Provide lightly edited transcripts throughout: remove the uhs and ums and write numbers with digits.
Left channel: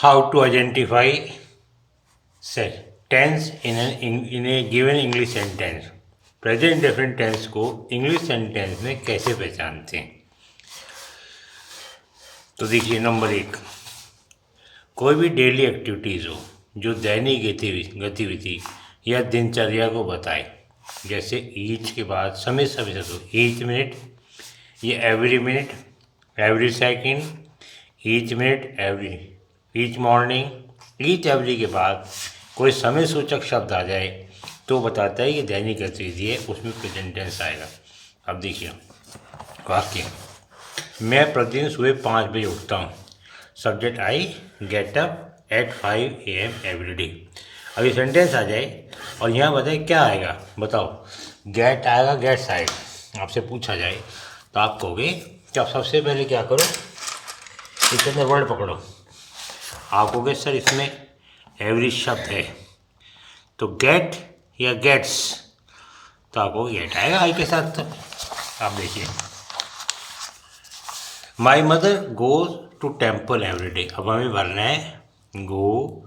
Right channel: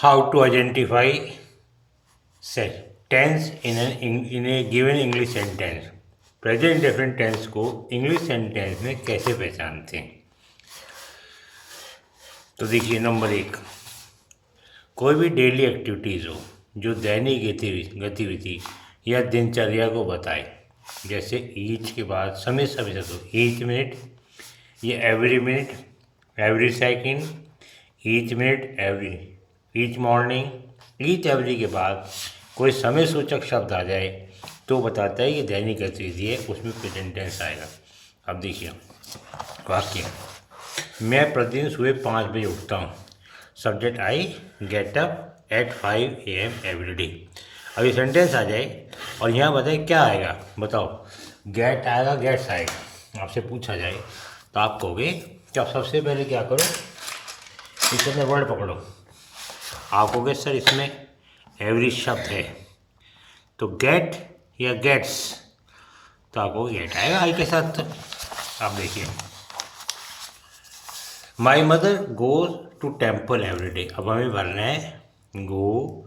How to identify tense in a given English sentence. Present definite tense को English sentence में कैसे पहचानते हैं? तो देखिए, नंबर 1, कोई भी डेली एक्टिविटीज़ हो जो दैनिक गतिविधि या दिनचर्या को बताए, जैसे ईच के बाद समय समय से ईच मिनट, ये every minute, every second, each minute, every, each morning, each every के बाद कोई समय सूचक शब्द आ जाए तो बताता है कि दैनिक गतिविधि है, उसमें प्रेजेंट टेंस आएगा। अब देखिए वाक्य, मैं प्रतिदिन सुबह 5 बजे उठता हूँ। Subject I get up at 5 AM every day. अब ये सेंटेंस आ जाए और यहाँ बताए क्या आएगा, बताओ। गेट आएगा, गेट्स आएगा। आपसे पूछा जाए तो आप कहोगे कि आप सबसे पहले क्या करो, इसमें वर्ड पकड़ो। आप कहोगे सर इसमें एवरी शब्द है, तो गेट या गेट्स, तो आपको गेट आएगा आई के साथ। आप देखिए, my mother goes to temple every day. अब हमें भरना है गो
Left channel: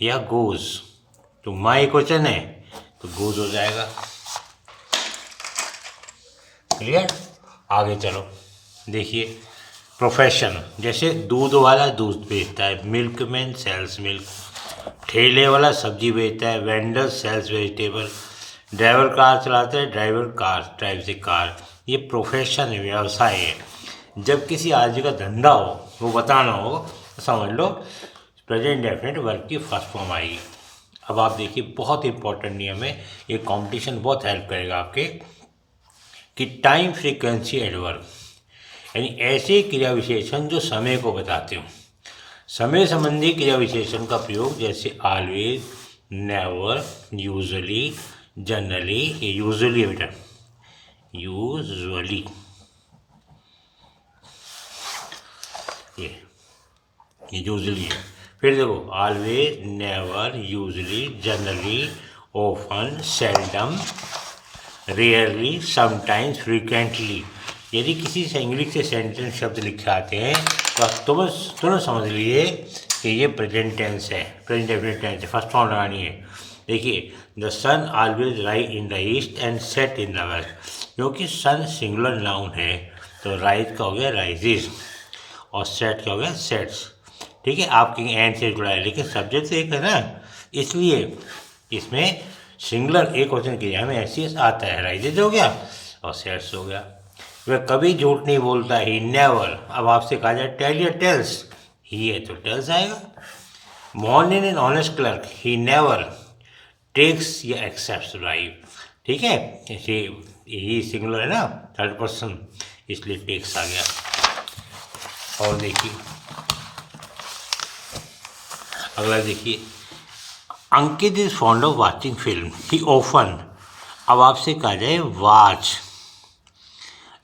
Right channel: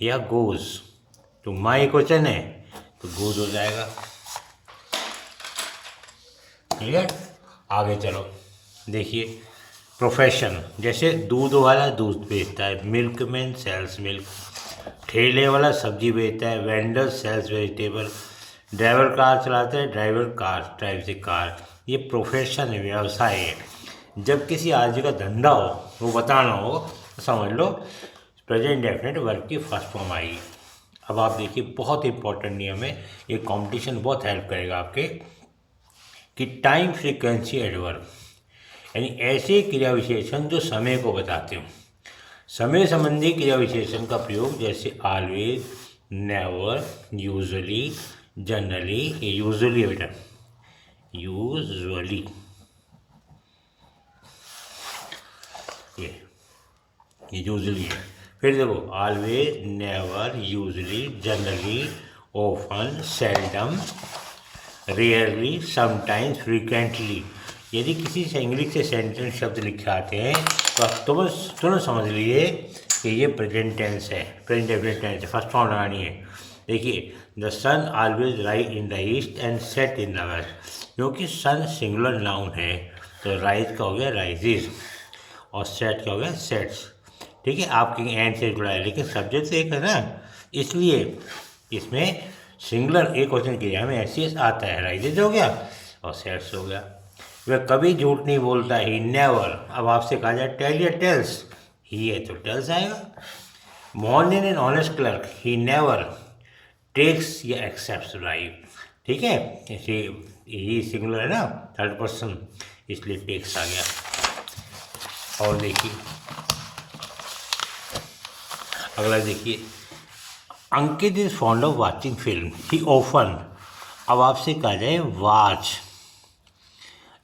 या गोज, तो माई क्वेश्चन है तो गोज हो जाएगा। क्लियर? आगे चलो, देखिए प्रोफेशन, जैसे दूध वाला दूध बेचता है, मिल्कमैन सेल्स मिल्क। ठेले वाला सब्जी बेचता है, vendor sells vegetable. Driver car चलाता है, driver car drives a car. ये प्रोफेशन है, व्यवसाय है। जब किसी आदमी का धंधा हो, वो बताना हो, तो समझ लो प्रेजेंट डेफिनेट वर्ब की फर्स्ट फॉर्म आएगी। अब आप देखिए, बहुत इंपॉर्टेंट नियम है, ये कॉम्पिटिशन बहुत हेल्प करेगा आपके, कि टाइम फ्रीक्वेंसी एडवर्ब, यानी ऐसे क्रिया विशेषण जो समय को बताते हो। समय संबंधी क्रिया विशेषण का प्रयोग, जैसे ऑलवेज, नेवर, यूजुअली, जनरली। ये यूजुअली है बेटा, यूजुअली, ये यूजुअली है। फिर देखो, always, never, usually, generally, often, seldom, rarely, sometimes, frequently. यदि किसी से इंग्लिश के सेंटेंस शब्द लिखे आते हैं तो आप तुरंत समझ लीजिए कि ये प्रेजेंट टेंस है, प्रेजेंट डेफिनिट टेंस है, फर्स्ट फॉर्म लगानी है। देखिए, the sun always rise in the east and set in the west. क्योंकि सन सिंगुलर नाउन है तो राइज का हो गया राइजेज और सेट का हो गया सेट्स। ठीक है, आपकी एंड से जुड़ा है, लेकिन सब्जेक्ट से एक है ना, इसलिए इसमें सिंगुलर एक क्वेश्चन किया हमें ऐसे आता है, राइजेज हो गया और सेट्स हो गया। वह कभी झूठ नहीं बोलता, ही नेवर। अब आपसे कहा जाए टेल या टेल्स, ही है तो टेल्स आएगा। Morning an honest clerk, he never takes या एक्सेप्ट्स राइट। ठीक है, ही सिंगुलर है ना, थर्ड पर्सन, इसलिए टेक्स आ गया। और देखिए अगला, देखिए Ankit is fond of watching film, he often. अब आपसे कहा जाए वॉच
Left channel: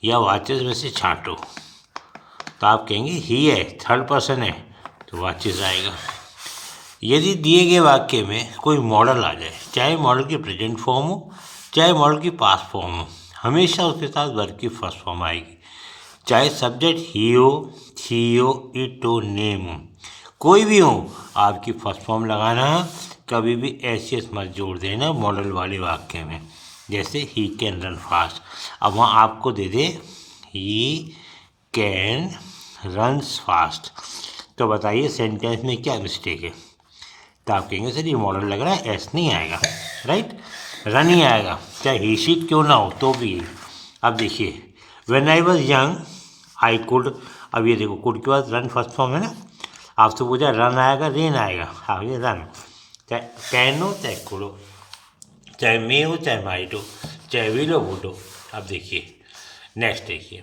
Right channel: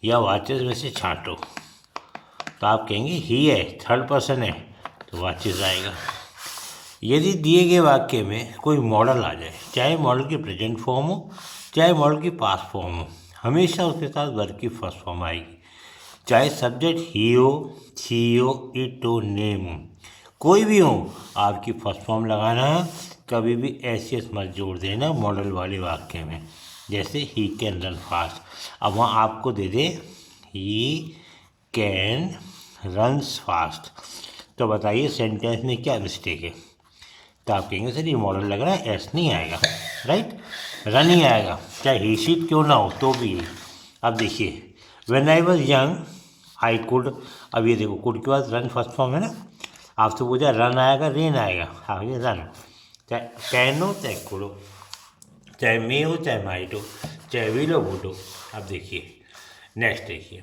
या वॉचेस में से छांटो, तो आप कहेंगे ही है, थर्ड पर्सन है तो वॉचेस आएगा। यदि दिए गए वाक्य में कोई मॉडल आ जाए, चाहे मॉडल की प्रेजेंट फॉर्म हो चाहे मॉडल की पास्ट फॉर्म हो, हमेशा उसके साथ वर्ब की फर्स्ट फॉर्म आएगी। चाहे सब्जेक्ट ही हो, शी हो, इट हो, नेम हो, कोई भी हो, आपकी फर्स्ट फॉर्म लगाना। कभी भी ऐसे मत जोड़ देना मॉडल वाले वाक्य में, जैसे ही कैन रन फास्ट। अब वहाँ आपको दे दे ही कैन रन्स फास्ट, तो बताइए सेंटेंस में क्या मिस्टेक है? तो आप कहेंगे सर ये मॉडल लग रहा है, एस नहीं आएगा, राइट, रन ही आएगा, चाहे ही शीट क्यों ना हो तो भी। अब देखिए, when I was young I could. अब ये देखो, कुड के बाद रन फर्स्ट फॉर्म है ना, आपसे पूछा रन आएगा रेन आएगा, हाँ ये रन। चाहे कैन हो चाहे कुड हो, चाहे मे हो चाहे माइट हो, चाहे विल हो वुड हो। अब देखिए नेक्स्ट, देखिए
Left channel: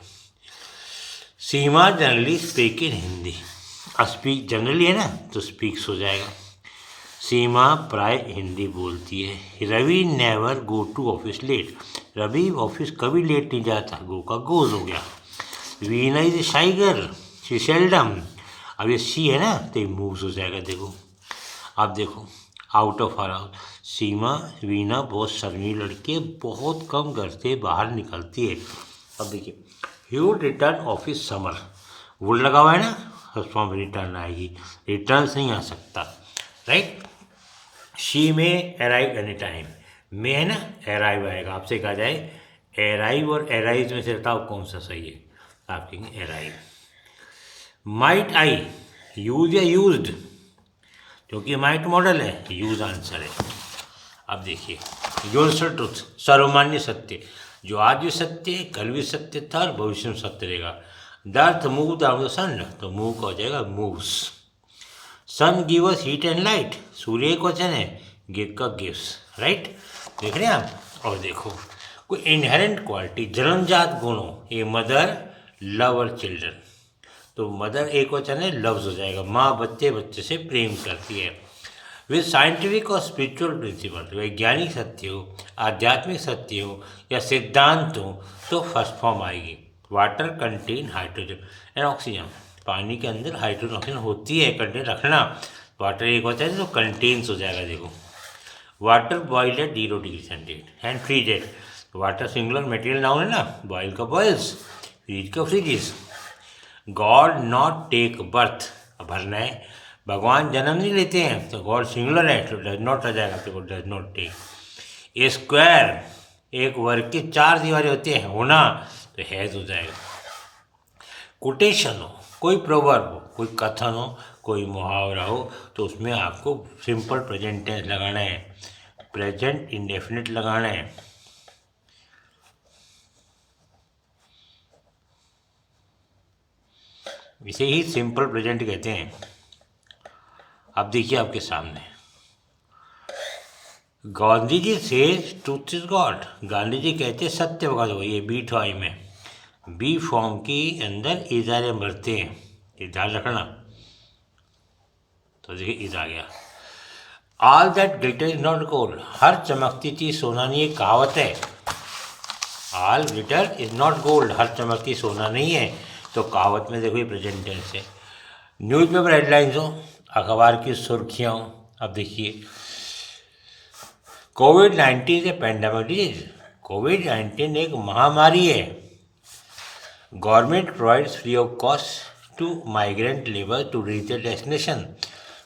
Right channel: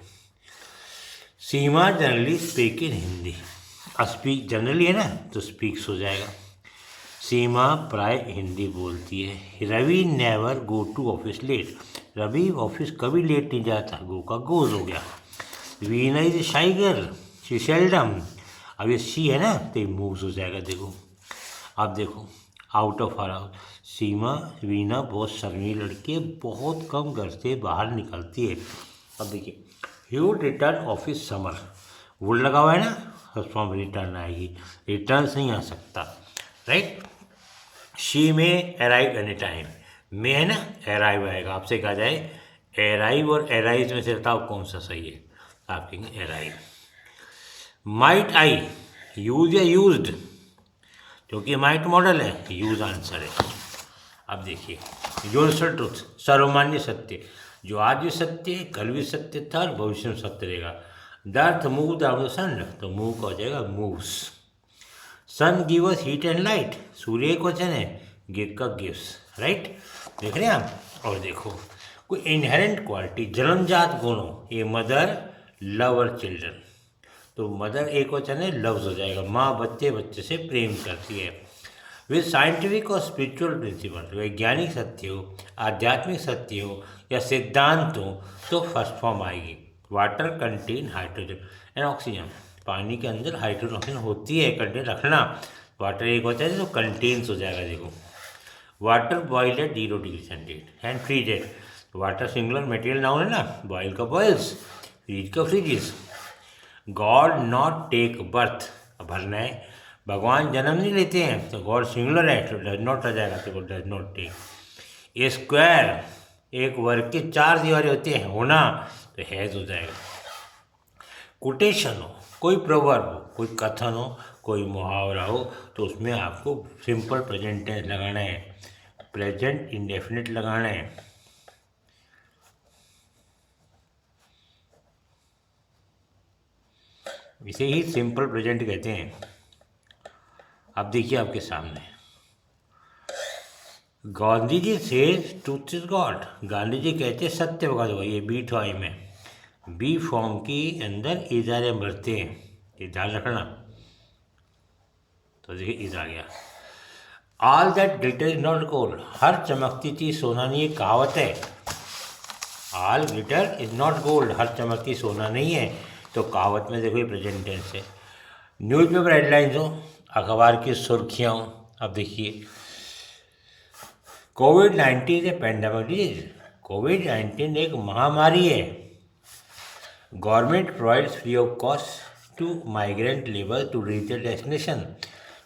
सीमा जनरली स्पीक इन हिंदी। अब स्पीक जनरली है ना तो स्पीक्स हो जाएगा। सीमा प्राय हिंदी बोलती है। Ravi never go to office late. Ravi office कभी लेट नहीं जाता, गो का गोज हो गया। Veena is shy girl, she seldom. अब ये सी है ना तो ये मूव्स हो जाएगा। देखो, आप देखो, आउट ऑफ हर हाउस। सीमा, वीना बहुत शर्मीली लड़की है, बहुत कम घर से बाहर निकलती है। अब देखिए, he would return office summer, would लगा हुआ है ना, फर्स्ट फॉर्म रिटर्न आएगी, रिटर्न नहीं आ सकता, राइट। शी में अराइव एनी टाइम, में है ना, अराइव आएगा। आपसे कहा जाए अराइव और अराइव में से बताओ कौन सा सही है, आप कहेंगे अराइव। माइट आई, यूज या यूज्ड, क्योंकि माइट मॉडल है, यूज आंसर है। अब देखिए यूनिवर्सल ट्रूथ, सर्वमान्य सत्य, जो आज भी सत्य है, कल भी सत्य था और भविष्य में सत्य रहेगा। The earth move the sun, तो मूव का हो जाएगा moves. Sun give us heat and light, सूर्य एक वचन है, गिव का गिव्स, राइट। देख रहे हैं आप। और देखो कोई इनहेरेंट क्वालिटी, जन्मजात गुणों, ए मदर लव और चिल्ड्रन, तो मदर एक वचन है, लव्स हो जाएगा। माँ बच्चे से प्रेम करती है। विद साइंटिफिक और स्पिरिचुअल प्रिंसिपल, वैज्ञानिक सत्य हो, आध्यात्मिक सत्य हो या सिद्धांत हो, तो फर्स्ट फॉर्म आएगी। Water contain hydrogen and oxygen, पानी के अंदर हाइड्रोजन ऑक्सीजन होती है, कंटेन रखना। वाटर एक होता है तो कंटेन्स हो जाएगा। देखो water boiled at 0 degree centigrade and freezed, water singular material noun है ना, बॉयल का बॉयल्स, फ्रीज का freezes. God not take birth, भरना है, भगवान जन्म नहीं लेते हैं, तो गॉड सिंगुलर है तो डज नॉट आ जाएगा, तो does not take. A square, एक वर्ग की 4 दीवारें होती है, होना, तो हैज हो जाएगा। कोटेशन हो, कोई प्रोवर्ब हो, कोई कथन हो, कोई मुहावरा हो, तो उसमें आपको सिंपल प्रेजेंट टेंस लगाना है, प्रेजेंट इंडेफिनिट लगाना है। इसे ही सिंपल प्रेजेंट कहते हैं। अब देखिए आपके सामने, गांधी जी से truth is God, Gandhi ji कहते सत्य भगत हो। ये बी टू आई में, बी फॉर्म की अंदर इजारे भरते हैं, ये ध्यान रखना। तो देखिए इज आ गया। All that glitter is not gold, हर चमकती चीज सोना नहीं, ये कहावत है। All glitter is not gold, हर चमकती सोना नहीं है, तो कहावत में देखो ये प्रेजेंट टेंस है। न्यूज़पेपर हेडलाइंस हो, अखबार की सुर्खियाँ हो। अब देखिए कोविड-19 ए पेंडेमिक डिजीज, कोविड-19 एक महामारी है। Government provides free of cost to migrant labour to reach the destination,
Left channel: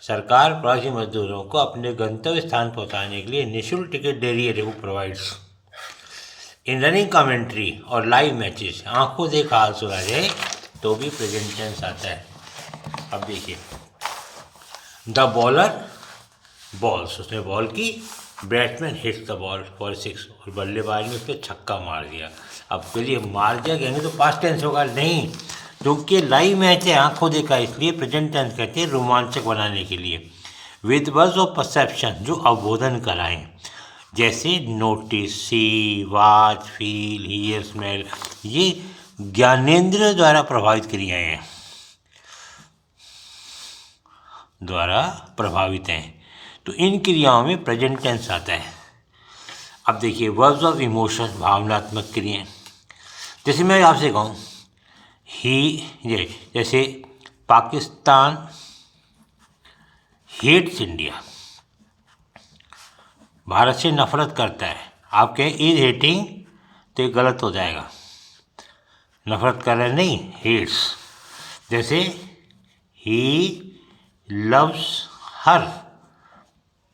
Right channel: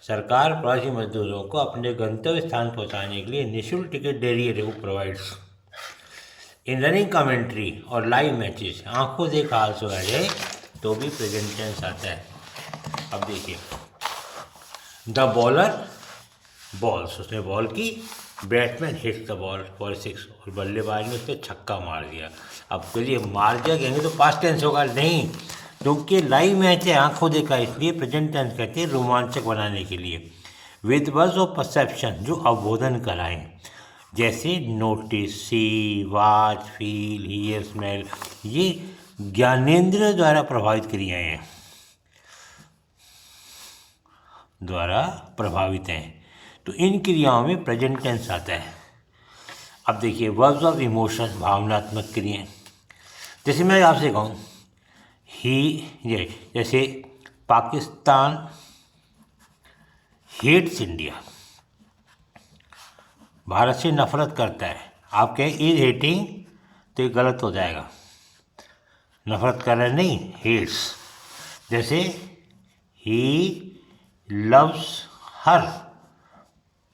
सरकार प्रवासी मजदूरों को अपने गंतव्य स्थान पहुंचाने के लिए निःशुल्क टिकट दे रही है, वो प्रोवाइड्स। इन रनिंग कमेंट्री और लाइव मैचेस, आंखों देखा हाल सुना जाए तो भी प्रेजेंट टेंस आता है। अब देखिए द बॉलर बॉल्स, उसने बॉल की, batsman hits the ball for 6, और बल्लेबाज ने उसको छक्का मार दिया। अब चलिए मार दिया कहेंगे तो पास्ट टेंस होगा, नहीं, क्योंकि लाइव मैच है, आंखों देखा, इसलिए प्रेजेंट टेंस कहते हैं रोमांचक बनाने के लिए। विद वर्ड्स ऑफ परसेप्शन, जो अवबोधन कराएं, जैसे notice, see, watch, feel, hear, smell, ये ज्ञानेंद्रिय द्वारा प्रभावित क्रियाएं हैं, द्वारा प्रभावित हैं, तो इन क्रियाओं में प्रेजेंट टेंस आता है। अब देखिए वर्ब्स ऑफ इमोशन, भावनात्मक क्रियाएं, जैसे मैं आपसे कहूँ ही, जैसे पाकिस्तान हेट्स इंडिया, भारत से नफरत करता है, आप कहें इज हेटिंग, तो ये गलत हो जाएगा, नफरत कर रहे नहीं, हेट्स। जैसे ही लव्स हर,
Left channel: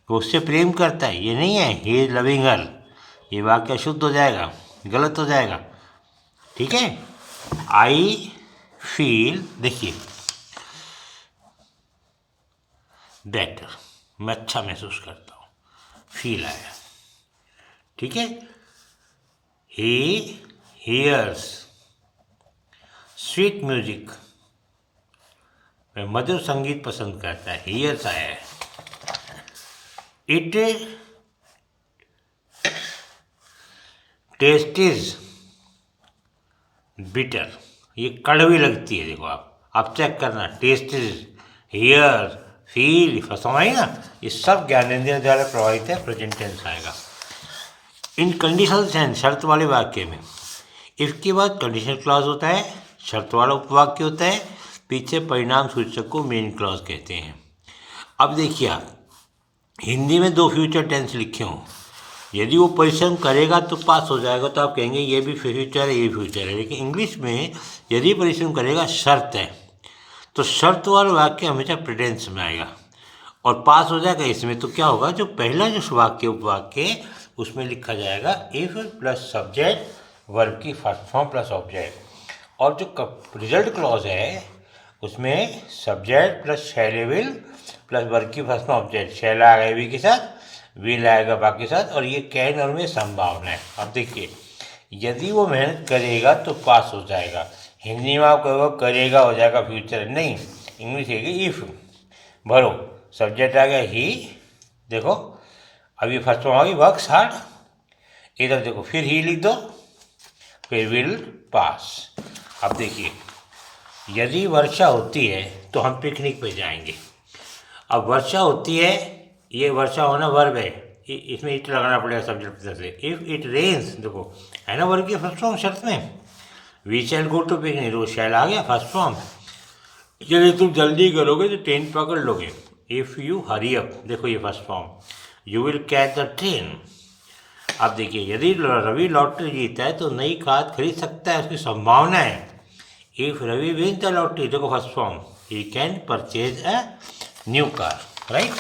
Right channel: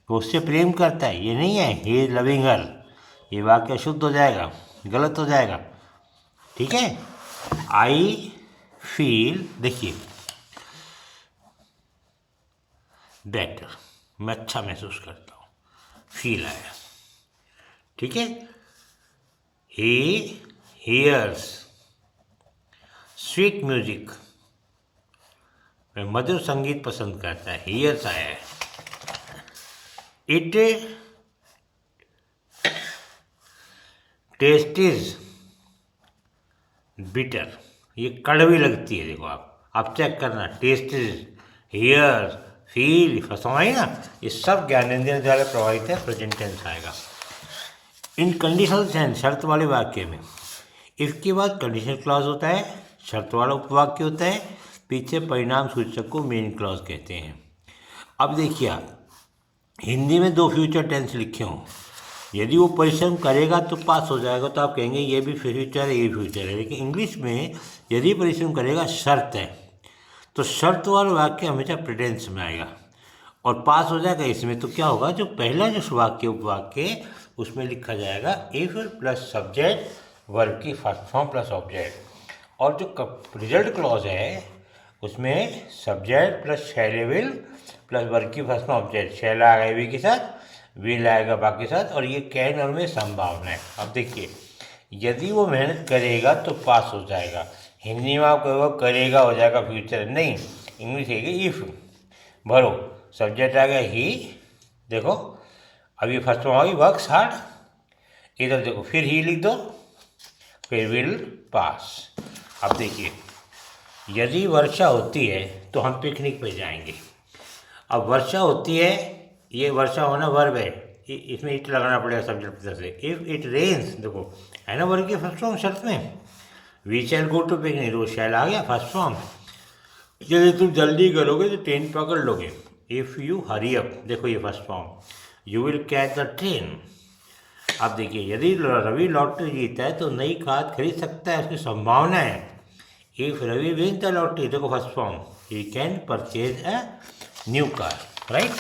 वो उससे प्रेम करता है, ये नहीं है ही इज लविंग हर, ये वाक्य अशुद्ध हो जाएगा, गलत हो जाएगा, ठीक है। आई फील, देखिए बेटर, मैं अच्छा महसूस करता हूँ, फील आया, ठीक है। ही हियर्स स्वीट म्यूजिक, मधुर संगीत पसंद करता है, हियर्स आया है। इट टेस्ट इज बिटर, ये कड़वी लगती है, देखो आप चेक करना, टेस्ट इज, हियर, फील, समझ ना, ये सब ज्ञानेंद्रिय द्वारा प्रभावित है, प्रेजेंट टेंस आएगा। इन कंडीशनल सेंस, शर्त वाले वाक्य में इफ के बाद कंडीशनल क्लॉज होता है, शर्त वाला उपवाक्य होता है, पीछे परिणाम सूचक को मेन क्लॉज कहते हैं। अब देखिए आप हिंदी में 2 फ्यूचर टेंस लिखे हों, यदि वो परिश्रम करेगा तो पास हो जाएगा, तो आप कहेंगे ये भी फ्यूचर है, ये भी फ्यूचर है। लेकिन इंग्लिश में यदि परिश्रम करेगा शर्त है, तो शर्त वाला वाक्य हमेशा प्रेजेंस में आएगा और पास हो जाएगा इसमें। तो क्या होगा, जो पहला जो वाक्य उपवाक्य उसमें लिखा जाएगा इफ प्लस सब्जेक्ट वर्ब की फर्स्ट फॉर्म प्लस ऑब्जेक्ट, और जो रिजल्ट क्लॉज है उसमें subject plus shell will plus verb की फर्स्ट फॉर्म ऑब्जेक्ट, शैल आएगा वी के साथ, विल आएगा बाकी के साथ, और ये कैन और में संभावना है। अब देखिए, यदि वो मेहनत करेगा तो पास हो जाएगा। हिंदी में आप कहोगे करेगा हो जाएगा फ्यूचर, नहीं, इंग्लिश है कि इफ भरो, सब्जेक्ट आ गया ही, देखो अभी फर्स्ट फॉर्म आ गई वर्क्स हार्ड, इधर देखो फिर ही लिख दो, फिर विल पास। अब देखिए, यदि वर्षा होती है तो हम पिकनिक पे जाएंगे। अब वर्षा होती है, ये वर्षा होना वर्ब है, इसमें इट लगाना पड़ेगा सब्जेक्ट की तरफ से। इफ इट रेन्स, देखो है ना वर्ब की फर्स्ट फॉर्म शर्त में, we shall go to picnic, वो शैल आ गया फर्स्ट फॉर्म। यदि तुम जल्दी करोगे तो ट्रेन पकड़ लोगे, इफ़ यू हरी अप, देखो ये first form, you will catch the train. अब देखिए, यदि रवि लॉटरी जीता है तो नई कार खरीद सकता है, उसकी संभावना है। If Ravi win the lottery, देखो first form, he can purchase a new car, right.